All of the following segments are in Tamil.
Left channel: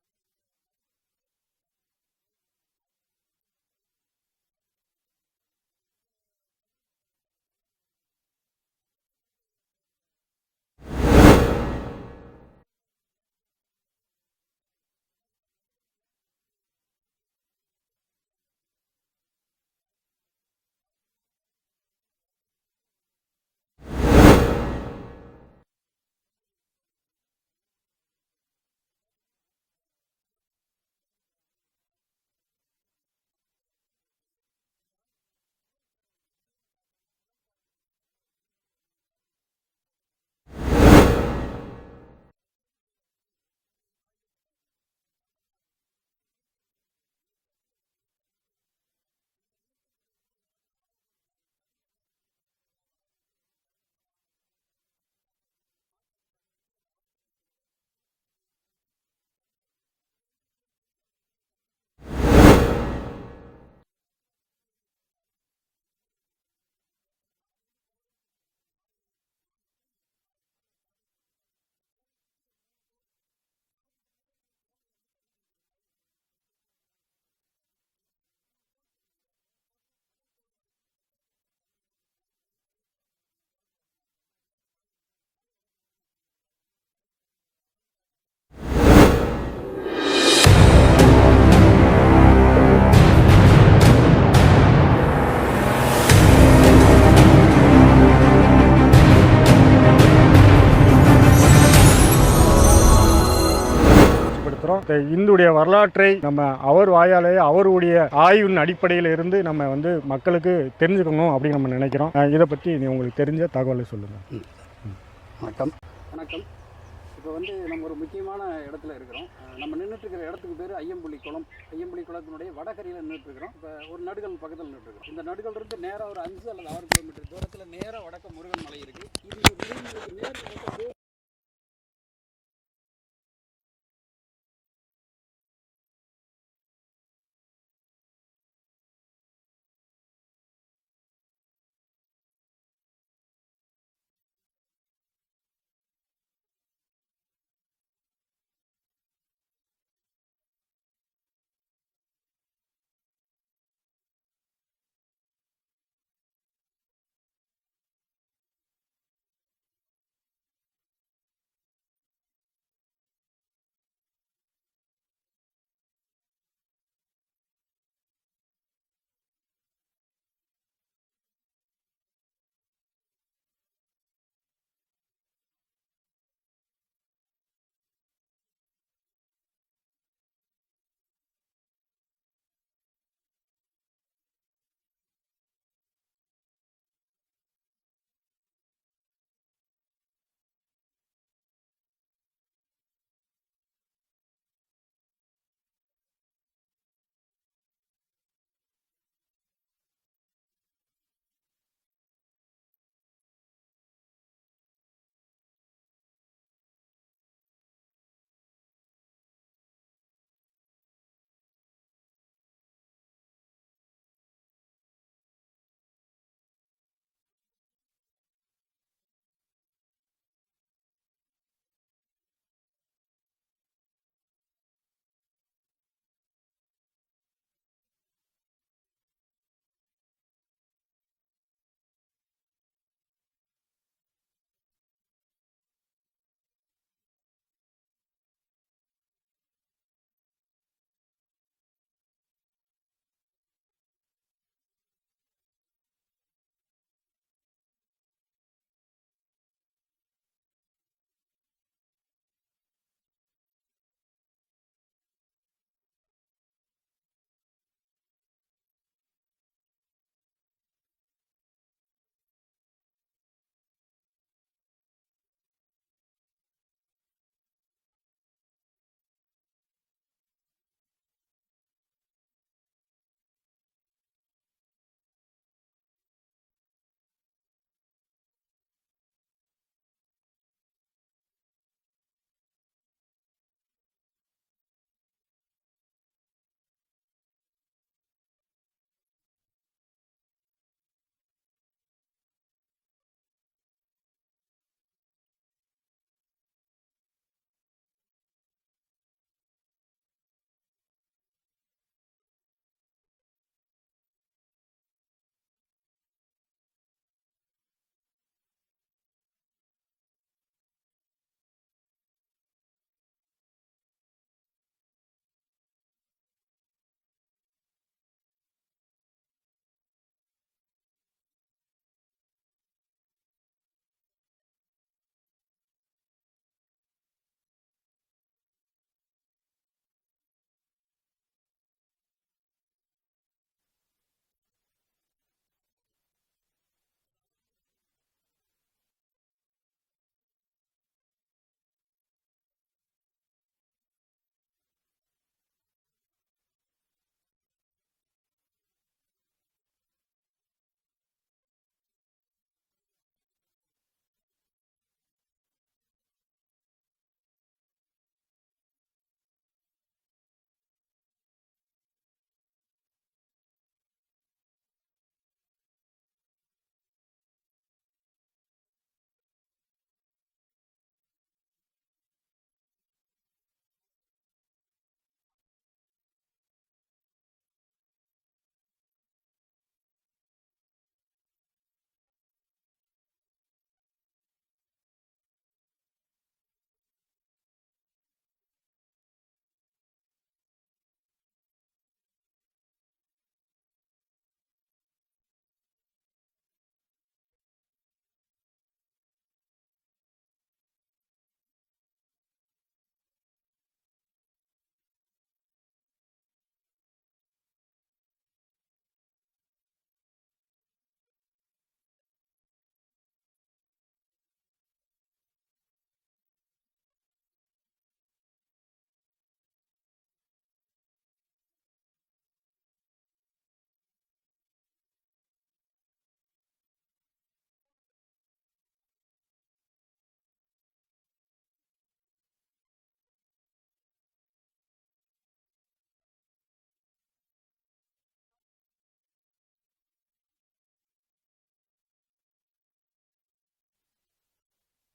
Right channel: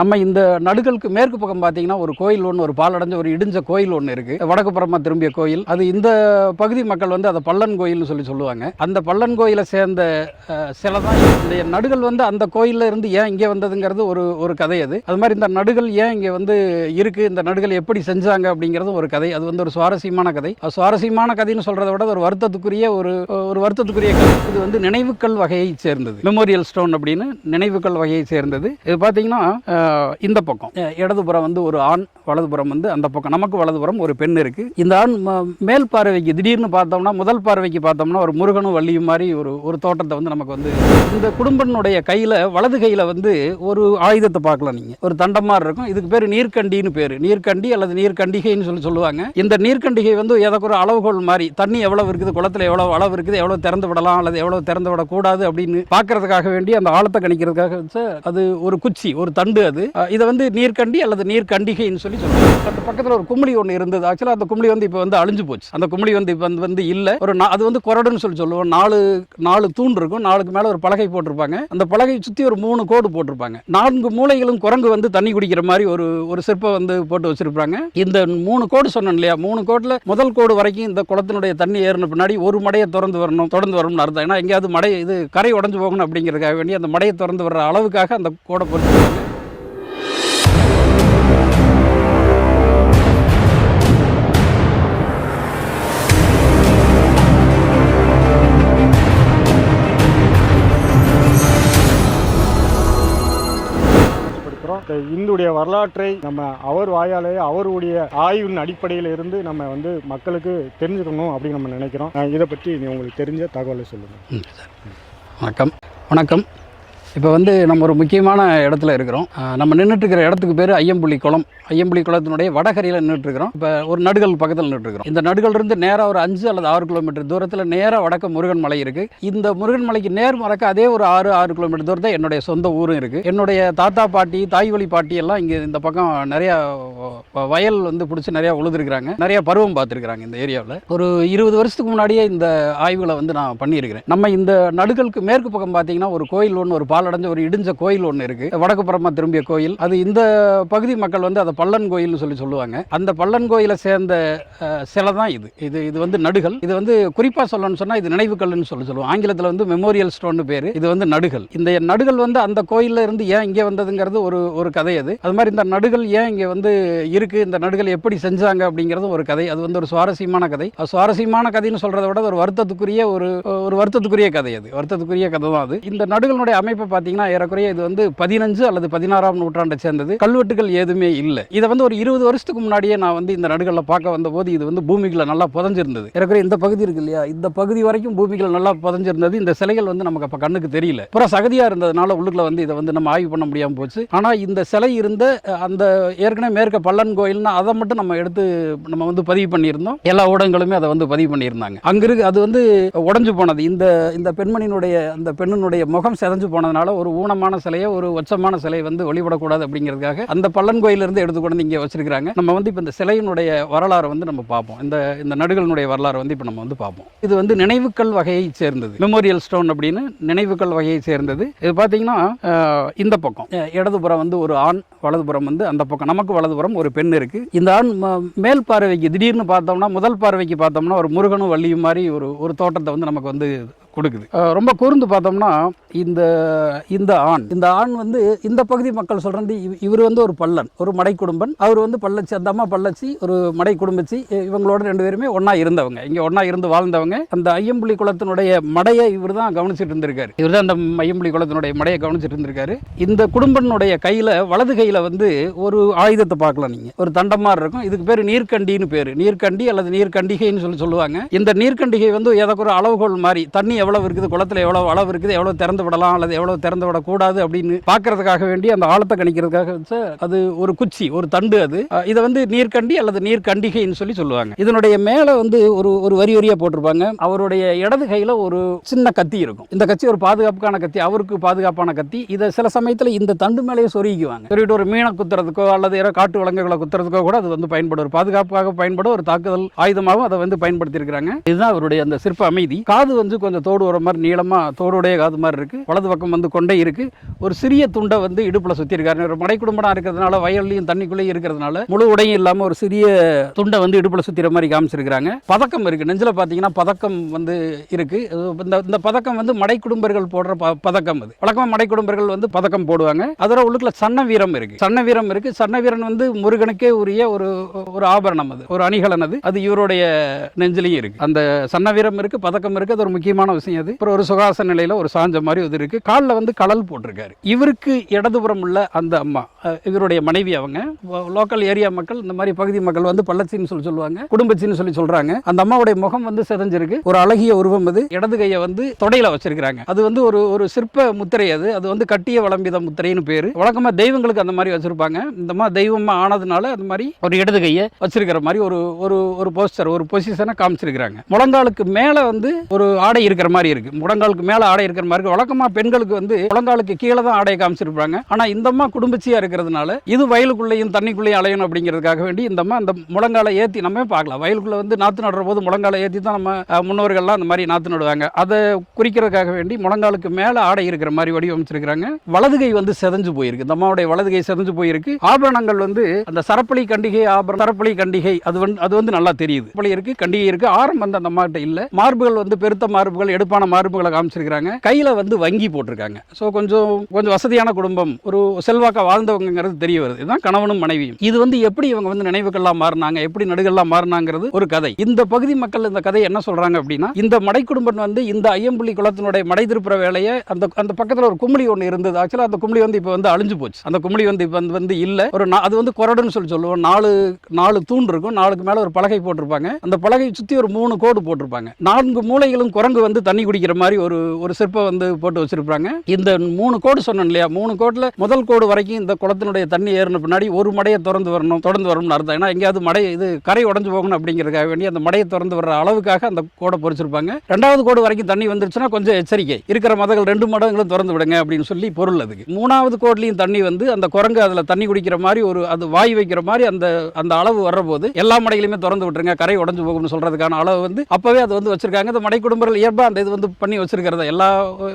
நம்ம இந்த நடுகளுக்கு மேற்கு பக்கம் பார்த்தீங்கன்னா ஒரு கோயில் ஒன்று, ஒரு பாலடைஞ்ச ஒரு இடிஞ்ச கோயில் ஒன்று இருக்கு. வடக்கு புறமா திரும்பிய கோயில். அது இந்த பகுதி மக்கள் வந்து அதை பள்ளன் கோயில்னு சொல்லுவாங்க. அந்த பள்ளன் கோயிலை சேர்ந்த சிலை தான் இந்த நடுகள். வந்து அந்த கோயிலில் இருந்து ஏன் இங்கே வந்ததுங்கிறது ஒரு கதை. அது மாதிரி இந்த நடுகள் ஏன் இங்கே வந்து இருக்கு, இந்த நடுகள் எப்படி செஞ்சாங்க அப்படிங்கிறது ஒரு கதை. அது வந்து ஒரு சுவாரஸ்யமான கதை. சுவாரஸ்யமான கதைன்னு சொல்றதை விட ஒரு வருத்தத்துக்குரிய வருத்தத்துக்குரிய கதை. இது வந்து நினைவுக்கள் வகையை சேர்ந்தது. மெமோரியல் ஸ்டோன் அப்படின்னு நினைவுக்கள் வகையை சேர்ந்தது. இது பார்த்தீங்கன்னா இந்த பக்கம் இடதுபுறம் வந்து ஒரு ஆண், வலதுபுறம் வந்து அந்த பக்கம் நமக்கு வலதுபுறம் ஒரு பெண் இருக்கு. இந்த ஆண் மேல் பார்வைக்கு திடீர்னு பார்த்தோம்னா, முதல் பார்வைக்கு பார்த்தோம்னா ஒரு முருகனும் வள்ளியும் மாதிரி ஒரு தோட்டத்தை வந்து நமக்கு வந்து இந்த குடும்பத்தினுடைய கையில வலது கையில வந்து ஒரு ஆயுதத்தை பார்க்கலாம். நீங்க ஒரு தண்டம் மாதிரி இருக்கும். இதுக்கு பேர் நீர்க்கண்டின்னு பேரு. நீர்க்கண்டி அல்லது நீர்க்கண்டிகைன்னு சொல்லுவாங்க. இந்த நீர்க்கண்டிகை வந்து ஏதோ ஒரு அளவுகோல் மாதிரி, தண்ணி எவ்வளவு இருக்குது, குளத்துல எவ்வளவு அளவு இருக்குது, எவ்வளவு திறந்து விடலாம் அல்லது எவ்வளவு திறந்து விடக்கூடாது அப்படின்னு பார்க்கறதுக்காக வேண்டி, அந்த ஆழத்தை கணிக்கிறதுக்காக அது ஒரு குச்சி, ஒரு தண்டு. அது இதை வந்து நீர்க்கண்டி அல்லது நீர்க்கண்டிகைன்னு சொல்லி பக்கத்தில் ஒரு கும்பளி ஒன்று இருந்தது. ஆக்சுவலாக அந்த கும்பளி வந்து இப்போ வந்து அழிஞ்சு போச்சு. அந்த கும்பளி வந்து இப்போ வந்து இல்லை. அது வந்து கொரடுன்னு சொல்லுவோம். நாலு தூண் இருக்கும். 4க்கு மேலே ஒரு பலகை போட்டிருப்பாங்க. அந்த பலகை சுற்றி ஒரு 3 கோடு போட்டிருப்பாங்க. 4 மூலைகளும் குரங்கு வந்து தண்ணி குடிக்கிற மாதிரி ஒரு சிற்பம் வந்து போட்டு வச்சிருப்பாங்க. இந்த 3 கோடு சொன்னேன் இல்லையா, 3 கோடில் முதல் கோடு வரைக்கும் இந்த குளத்தினுடைய தண்ணி ஏறின பின்னாடி ஒரு மடையை தொடர்ந்து வரணும்னு அர்த்தம். ஏன்னா எங்கேயாவது மடை இது கரை உடஞ்சு போகணும் அப்படிங்கிறதுக்காக வேண்டி அந்த மடையை திறந்து வர்ற அளவுக்காக அந்த கோடை போட்டு இந்துடைய வரலாற்றை நம்ம அவர் வாயாலே அவருடைய ஆய்வின் அடிப்படையில் இருந்து நம்ம வந்து மக்களுக்கு தெரிஞ்சுக்கணும் அப்படின்னு நம்ம நினைக்கிறோம். இதை பற்றி உங்களுக்கு தெரிஞ்ச தகவலை சொல்லுங்கள். வணக்கம். இப்போ வந்து நம்ம ஒரு முக்கியமான இடத்துல இருக்கிறோம். நம்ம நின்றுட்டு இருக்கிற இடத்துக்கு பேர் ஐயம்புலி குளம். ஐயம்புலி குளத்தினுடைய வடகரையில் நின்றுட்டுருக்கிறோம். இப்போ ஒரு நடுகள் பக்கத்தில் நின்றுட்டுருக்கிறோம். இந்த நடுகள் இருந்து நேராக ஒரு 5 அல்லது 6 கிலோமீட்டர் தூரத்தில் நேராக வடக்கு முருகன் மலை இருக்குது. இந்த முருகன் மலைக்கு நேர் மறக்க அதே ஒரு 6 கிலோமீட்டர் தூரத்தில் என்னுடைய சொந்த ஊரும் இருக்குது. என்னுடைய தாத்தா பாட்டி, தாய் வழி பாட்டி எல்லாம் இங்கே இந்த பக்கம் நிறையா வயல் வந்து பிடிச்சி நிறையா உழுதுருக்குறாங்க. நிறையா பருவம் பார்த்துருக்குறாங்க இந்த ஏரியாவில். ஒரு 20 வருஷத்துக்கு முன்னாடியே இந்த ஆய்வுகளை வந்து நான் பண்ணியிருக்கிறேன். நம்ம இந்த நடுகளுக்கு மேற்கு பக்கம் பார்த்தீங்கன்னா ஒரு கோயில் ஒன்று, ஒரு பாலடைஞ்ச ஒரு இடிஞ்ச கோயில் ஒன்று இருக்கு. வடக்கு புறமா திரும்பிய கோயில். அது இந்த பகுதி மக்கள் வந்து அதை பள்ளன் கோயில்னு சொல்லுவாங்க. அந்த பள்ளன் கோயிலை சேர்ந்த சிலை தான் இது வந்து நடுகள். இது வந்து குறிப்பா சொல்லணும்னு சொன்னா இது நினைவுக்கல்னு சொல்லுவோம். ஆங்கிலத்தில் வந்து மெமோரியல் ஸ்டோன் பேரு. இது வந்து நடுகள். இந்த நடுகள் வந்து அந்த கோயில்ல இருந்து ஏன் இங்கே வந்ததுங்கிறது ஒரு கதை. அது மாதிரி இந்த நடுகள் ஏன் இங்கே வந்து இருக்கு, இந்த நடுகள் எப்படி செஞ்சாங்க அப்படிங்கிறது ஒரு கதை. அது வந்து ஒரு சுவாரஸ்யமான கதை. சுவாரஸ்யமான கதைன்னு சொல்றதை விட ஒரு வருத்தத்துக்குரிய கதை. அது வருத்தத்துக்குரிய கதை தான். அது இந்த நடுகளுடைய அமைப்பை பார்த்தீங்கன்னா ஏறக்குறைய இது வந்து 15 அல்லது 16ஆம் நூற்றாண்டை சேர்ந்தது. கல்வெட்டுகள் எதுவுமே இல்லை. இதை வந்து ஒரு 20 வருஷத்துக்கு முன்னாடியே நான் வந்து இந்த நடுகளில் பார்க்க வந்த போது இது வந்து பூமிகளை நல்லா புதஞ்சிருந்தது. ஏறக்குறைய இந்த பகுதி இருக்கு இல்லையா, இந்த பகுதி வரைக்கும் பூமிகள் நல்லா புதஞ்சிருந்தது. இந்த சிலைகள் வந்து நமக்கு அப்போ கண்ணுக்கு தெரியல. அப்புறம் சகதியா இருந்ததுனால உள்ளுக்குள்ள வந்து இதை வந்து நம்ம ஆய்வு பண்ண முடியாமல் போச்சு. ஆனால் இந்த சிலை இருந்த அந்த ஏற்கனவே மேற்க பள்ளன் கோயில்னா அதை மட்டும் நம்ம வந்து பதிவு பண்ணியிருந்தோம். எல்லா ஊடகங்களுமே அதை வந்து பதிவு பண்ணியிருந்தாங்க. அங்க இருக்கு அது வந்து உடஞ்சு போனது. இந்த பெண்ணினுடைய முகம் செதஞ்சு போனதுனால ஒரு ஊனமான சிலையை, ஒரு உச்சமான சிலையை வந்து வழிபடக்கூடாது அப்படிங்கிறதுக்காக அந்த பள்ளன் கோயிலிருந்து எடுத்து கொண்டு இங்கே வச்சிருக்காங்க. நம்ம வந்து இப்போ இந்த சிலையினுடைய வரலாறு வந்து நம்ம பார்ப்போம். இந்த நடுகளினுடைய வரலாறு வந்து இப்போ நம்ம வந்து பார்ப்போம். இது வந்து நினைவுக்கள் வகையை சேர்ந்தது. மெமோரியல் ஸ்டோன் அப்படின்னு நினைவுக்கள் வகையை சேர்ந்தது. இது பார்த்தீங்கன்னா இந்த பக்கம் இடதுபுறம் வந்து ஒரு ஆண், வலதுபுறம் வந்து அந்த பக்கம் நமக்கு வலதுபுறம் ஒரு பெண் இருக்கு. இந்த ஆண் மேல் பார்வைக்கு திடீர்னு பார்த்தோம்னா, முதல் பார்வைக்கு பார்த்தோம்னா ஒரு முருகனும் வள்ளியும் மாதிரி ஒரு தோட்டத்தை வந்து நமக்கு வந்து கொடுக்குது. ரொம்ப கூர்ந்து பார்த்தோம்னா இந்த ஆண் வந்து இந்த பகுதி மக்கள் சொல்றது இவர் வந்து ஒரு பள்ளன், ஒரு மடை குடும்பன். அவர் வந்து பள்ளச்சி, அந்த அம்மா பள்ளச்சி, ஒரு மடை குடும்பச்சி. இவங்களோட 2 பேருமே ஒன்னா இருந்தவங்க, இங்க ஒன்னா இருந்து வாழ்ந்தவங்க. அந்த ஐயம்புலி குளத்தினுடைய மடையை இவர் தான் கவனிச்சுட்டு இருந்திருக்காரு. இவர் தான் அந்த ஐயம்புலி குளத்தினுடைய மடையை கவனிச்சுட்டு இருந்திருக்காரு. இந்த குடும்பனுடைய கையில வலது கையில வந்து ஒரு ஆயுதத்தை பார்க்கலாம். நீங்க ஒரு தண்டம் மாதிரி இருக்கும். இதுக்கு பேர் நீர்க்கண்டின்னு பேரு. நீர்க்கண்டி அல்லது நீர்க்கண்டிகைன்னு சொல்லுவாங்க. இந்த நீர்க்கண்டிகை வந்து ஏதோ ஒரு அளவுகோல் மாதிரி, தண்ணி எவ்வளவு இருக்குது, குளத்துல எவ்வளவு அளவு இருக்குது, எவ்வளவு திறந்து விடலாம் அல்லது எவ்வளவு திறந்து விடக்கூடாது அப்படின்னு பார்க்கறதுக்காக வேண்டி, அந்த ஆழத்தை கணிக்கிறதுக்காக அது ஒரு குச்சி, ஒரு தண்டு. அது இதை வந்து நீர்க்கண்டி அல்லது நீர்க்கண்டிகைன்னு சொல்லுவாங்க. இதனுடைய மேல வந்து ஒரு வரியா போட்டிருப்பாங்க. அவருடைய இடது கையில ஒரு சின்ன கத்தி இருக்கும். இந்த கத்தி ஒரு பாதுகாப்புக்கான கத்தி, அவருக்கு பாதுகாப்பான கத்தி. இதை சில சமயத்தில் இந்த தண்டு மேலேயே சொருகிக்குவாங்க. சொருகிட்டு ஒரு மீனை குத்துறதுக்கோ அல்லது காட்டு விலங்குகளை குத்துறதுக்கோ கூட அது வந்து பயன்படும். ஒரு பாதுகாப்புக்காக பயன்படும், ஒரு தாக்குதல் ஆயுதமாகவும் அதை வந்து பயன்படுத்தி இருக்கிறாங்க. இதுதான் அவருடைய அந்த சிற்ப அமைதி. காது வந்து கொஞ்சம் தோடு வர மாதிரி நீளமாக தோடுடைய காது மாதிரி இருக்குது. வலது பக்கம் வந்து கொண்டை இருக்குது. ஒரு சிறிய துண்டை வந்து இடுப்பில் சுற்றிருக்காரு. ஒரு மடை குடும்பம் இருக்கிறதுனால வயல்லையும் தண்ணிக்குள்ளேயும் இருக்கிறதுனால முழு உடையும் இல்லாமல் ஒரு சிறிய துண்டை வந்து இடுப்பில் சுற்றிற மாதிரி காமிச்சிருக்கிறாங்க. பதக்கம் இருக்குது. நெஞ்சில் பார்த்தீங்கன்னா பதக்கம் வந்து இருக்குது. இந்த பதக்கம் வந்து மடை குடும்பர்கள் போடுற பதக்கம். அது வழக்கமாக மடை குடும்பர்கள் வந்து பதக்கம் போடுவாங்க. அதோட உள்ளுக்குள்ள சன்ன வீரம் இருக்குது. சன்ன வீரம் இருக்குது. சன்ன வீரன் வந்து முருகனுக்கே உரிய ஒரு ஆபரணம். அது ஒரு அணிகலன். அது இவருடைய நெஞ்சிலையும் இருக்கு. அந்த சன்ன வீரம் இருக்கு, பதக்கம் இருக்கு. அது ஒரு முக்கியமான விஷயம். அது அப்புறம் ஒரு சுகாச நிலையில ஒரு சாஞ்ச மாதிரி இது இருக்கு. காலில் வந்து கடல் போட்டிருக்காரு. இவருக்கு இடதுபுறம் உள்ள அந்த அம்மா இவருடைய மனைவி. அவங்க லோக்கல் ஏரியா மக்கள், இந்த மாதிரி பகுதி மக்கள் வந்து பள்ளச்சின்னு சொல்லுவாங்க, குடும்பச்சின்னு சொல்றாங்க. அந்த அம்மாவுடைய முகம் வந்து சிதைஞ்சிருக்கு. ஒரு அழகிய உருவம். அது இடது கையை வந்து தொடையில வச்சிருக்காங்க. அது வந்து ஒரு சிற்ப முத்திரை. அது வந்து கட்டிய வளம்பித முத்திரைன்னு பேரு. வழக்கமா தெய்வங்களுக்கு அந்த மாதிரி வச்சிருப்பாங்க. இந்த மாதிரி தெய்வமா ஆனதுனால அந்த மாதிரி ஒரு இடது கையை வச்சிருக்கிற மாதிரி ஒரு போஸ்டர், ஒரு பொசிஷனை காமிச்சிருக்காங்க. முழங்காலுக்கு மேல வந்து ஒரு ஆடை இருக்கிற மாதிரி இருக்கு. முழங்காலுக்கு மேல ஆடை இருக்கிற மாதிரி இருக்கு. வழக்கமா பெண்களுக்கு வந்து முழங்காலுக்கு கீழே தான் ஆடையை காமிச்சிருப்பாங்க. ஆனா இந்த அம்மா குடும்பச்சியா இருக்கிறதுனால இது வயலுக்குள்ளேயும் தண்ணிக்குள்ளேயும் அலையணும் அப்படிங்கிறதுக்காக வேண்டி இந்த அம்மா அந்த முழங்காலை ஏற்றி நம்ம பார்க்கலாம். வயலுக்குள்ள வந்து நாற்று நடுற போது முழங்காலை ஏற்றி தான் நம்ம முன்னோர்கள்லாம் அந்த மாதிரி நாற்று நடுவாங்க. அதை குறிக்கிறதுக்காக வேண்டி முழங்காலுக்கு மேல ஆடை இருக்கிற மாதிரி வடிவமைச்சிருக்கிறாங்க. வலது கை வந்து செதஞ்சு போயிருக்கு. இந்த அம்மாவுடைய வலது கை செதஞ்சு போயிருக்கு. ஆபரணங்கள் வந்து அந்த சரப்பளி கண்டிகை ஆபரணம், சரப்பளி கண்டிகை அது வந்து நல்லா தெரியுது. இருக்கு, கண்டிகை இருக்கு. ஆரம் வந்து அந்த அம்மா கிட்ட இல்ல. மார்புகள் வந்து பெருத்த மார்புகள், எடுப்பான மார்புகளை காமிச்சிருக்காங்க. கையில வந்து வங்கி போட்டிருக்காங்க. ஸோ கொஞ்சம் வசதியான குடும்பம், ஒரு செல்வாக்கா வாழ்ந்தவங்கிறது தெரிய வருது. இதுதான் கணவனும் மனைவியும். இது வந்து எப்படி இவங்க வந்து நினைவுகள்லாம் மாறினாங்க, எப்படி நடுகள்லாம் மாறினாங்கிறது ஒரு கதை. இந்த பகுதி மக்கள் இந்த கதை என்ன சொல்றாங்க அப்படின்னா, இந்த மடை குடும்பம் வந்து இந்த ஐயம்புலி குளத்தினுடைய மடை திருப்புற வேலையை அந்த பக்கத்தில் ஒரு கும்பலி ஒன்று இருந்தது. ஆக்சுவலா அந்த கும்பலி வந்து இப்போ வந்து அழிஞ்சு போச்சு. அந்த கும்பலி வந்து இப்போ வந்து இல்ல. அது வந்து கொரடுன்னு சொல்லுவோம். 4 தூண் இருக்கும். 4க்கு மேல ஒரு பலகை போட்டிருப்பாங்க. அந்த பலகை சுற்றி ஒரு 3 கோடு போட்டிருப்பாங்க. 4 மூலைகளும் குரங்கு வந்து தண்ணி குடிக்கிற மாதிரி ஒரு சிற்பம் வந்து போட்டு வச்சிருப்பாங்க. இந்த 3 கோடு சொன்னேன் இல்லையா, 3 கோடுல முதல் கோடு வரைக்கும் இந்த குளத்தினுடைய தண்ணி ஏறின பின்னாடி ஒரு மடையை தொடர்ந்து வரணும்னு அர்த்தம். ஏன்னா எங்கேயாவது மடை இது கரை உடஞ்சு போகணும் அப்படிங்கிறதுக்காக வேண்டி அந்த மடையை திறந்து வர்ற அளவுக்காக அந்த கோடை பொறிச்சிருப்பாங்க. 2வது கோடு வரைக்கும் தண்ணி வந்துருச்சுன்னா கொஞ்சம் எச்சரிக்கை, இருக்கிற மதங்கள் 2 மடங்களும் திறந்து விடுங்க அப்படின்னு சொல்லி பொருள். அதுக்கு 3வது கோட்லையும் தண்ணி வந்து அந்த குரங்கு அதுல தண்ணி குடிக்கிற மாதிரி அது வாய் வைக்கிற மாதிரி அந்த அளவு வர்ற போது எல்லா மடைகளையுமே திறந்து விட்டுருங்க, கரை உடஞ்சு போகும்னு சொல்றதுக்கான அளவு வந்து அப்பவே அது வந்து வச்சிருக்காங்க. இந்த மடை குடும்பங்கள் இயல்பா அந்த இது வந்து பண்ணி வச்சிருக்கிறத எல்லா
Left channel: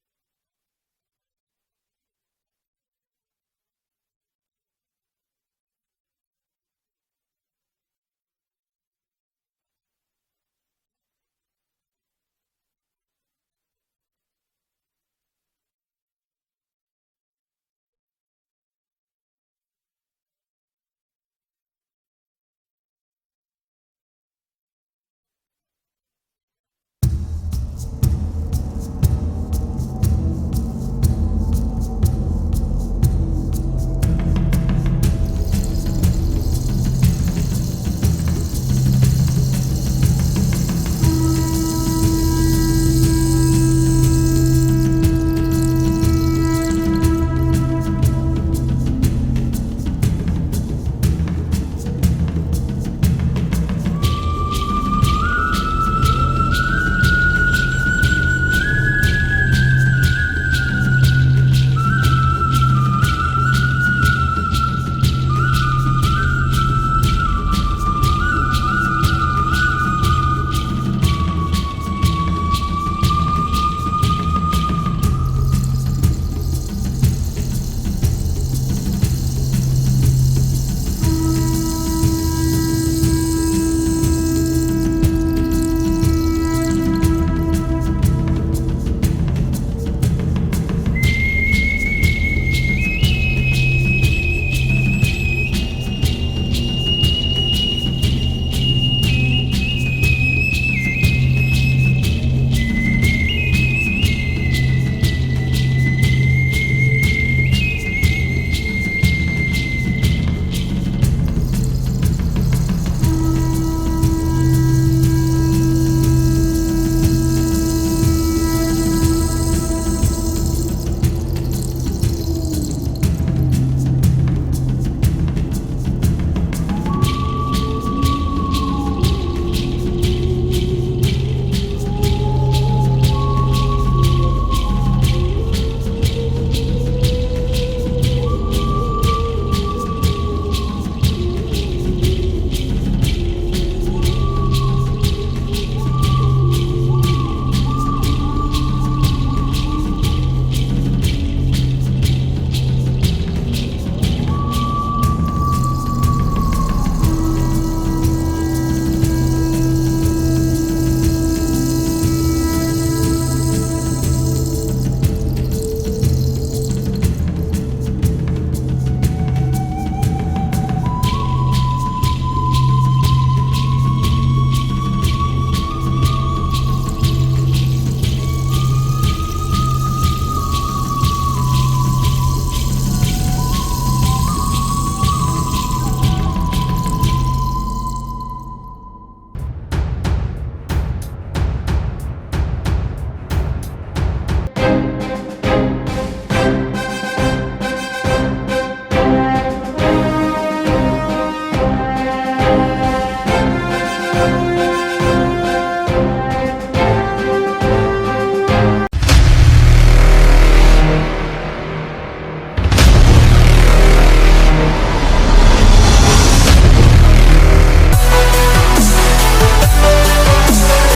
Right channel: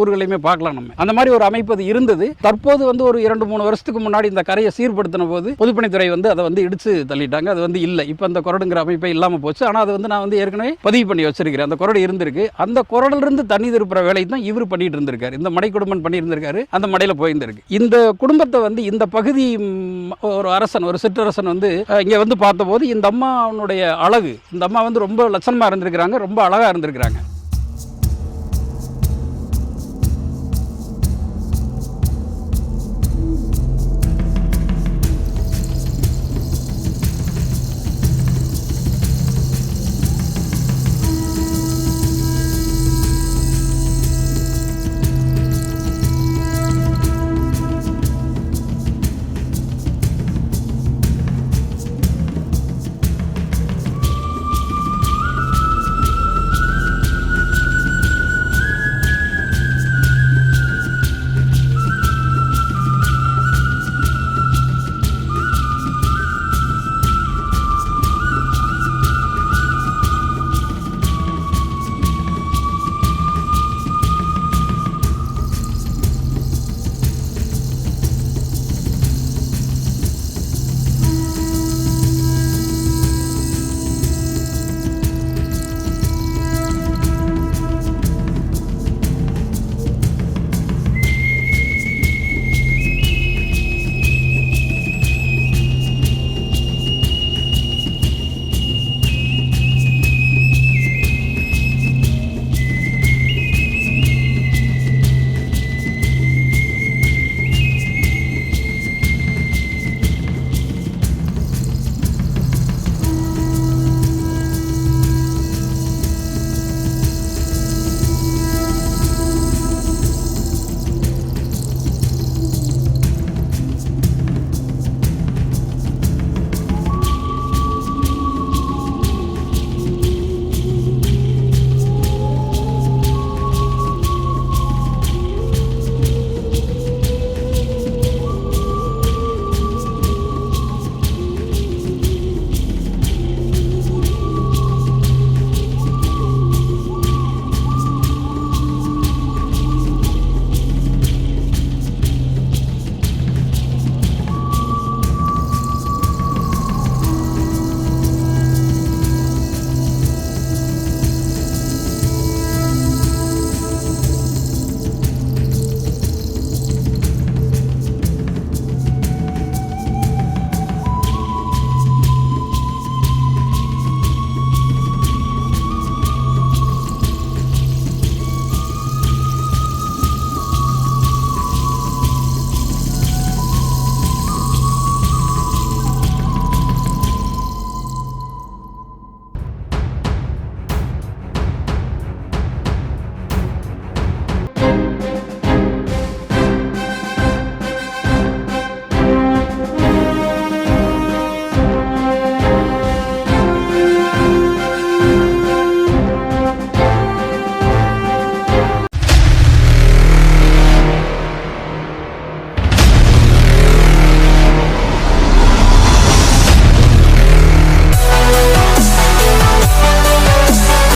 ஊர்களையுமே பார்க்கலாம். நம்ம அந்த மாதிரி ஒரு அமைப்பு அது இருந்தது. தற்போது வந்து ஒரு 2-3 வருஷத்துக்கு முன்னாடி இந்த கரையை சீர்படுத்தின போது பொதுப்பணித்துறை வந்து அதை வந்து இடிச்சு தள்ளிட்டாங்க. அது வந்து இல்லை. இப்போ அந்த கொரடுங்கிற அமைப்பே இல்லாமல் போச்சு. ஆனால் அது வந்து நான் வந்து ஏற்கனவே பதிவு பண்ணி வச்சிருக்கிறேன். அந்த கொரடு இருந்திருக்கு. அந்த கொரடுல இருந்து தண்ணி திருப்புற வேலை தான் இவர் பண்ணிட்டு இருந்திருக்காரு. இந்த மடை குடும்பம் பண்ணி இருந்திருக்காரு. அந்த மடையில போயிருந்திருக்கு. இந்த குடும்பத்தை வந்து இந்த பகுதி ஒரு அரசன், ஒரு சிற்றரசன் வந்து இங்க வந்து பார்த்தபோது இந்த அம்மாவுடைய அழகு, இந்த அம்மா வந்து ரொம்ப லட்சணமா இருந்திருக்கிறாங்க, ரொம்ப அழகா இருந்திருக்கிறாங்க.